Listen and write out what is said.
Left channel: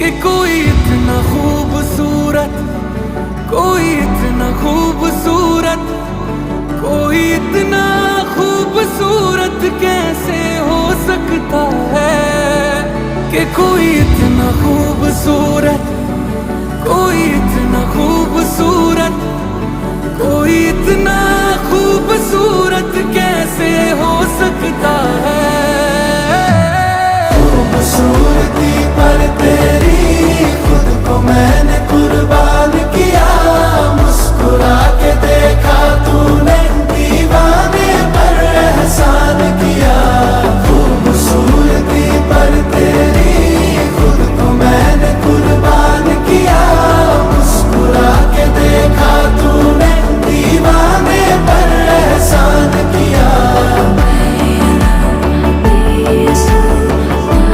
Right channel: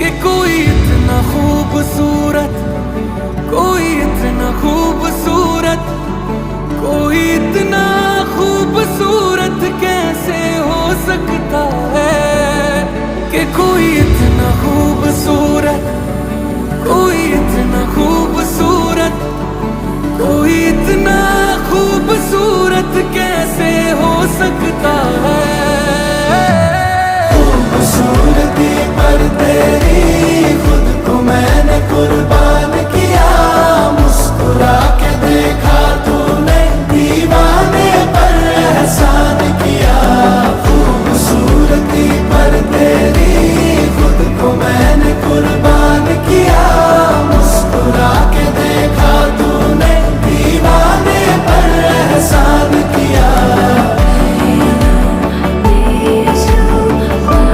कि कोई इतना खूबसूरत, कोई इतना खूबसूरत, कोई इतना खूबसूरत कैसे हो सकता है। कि कोई इतना खूबसूरत, कोई इतना खूबसूरत, कोई इतना खूबसूरत कैसे हो सकता है। खूबसूरत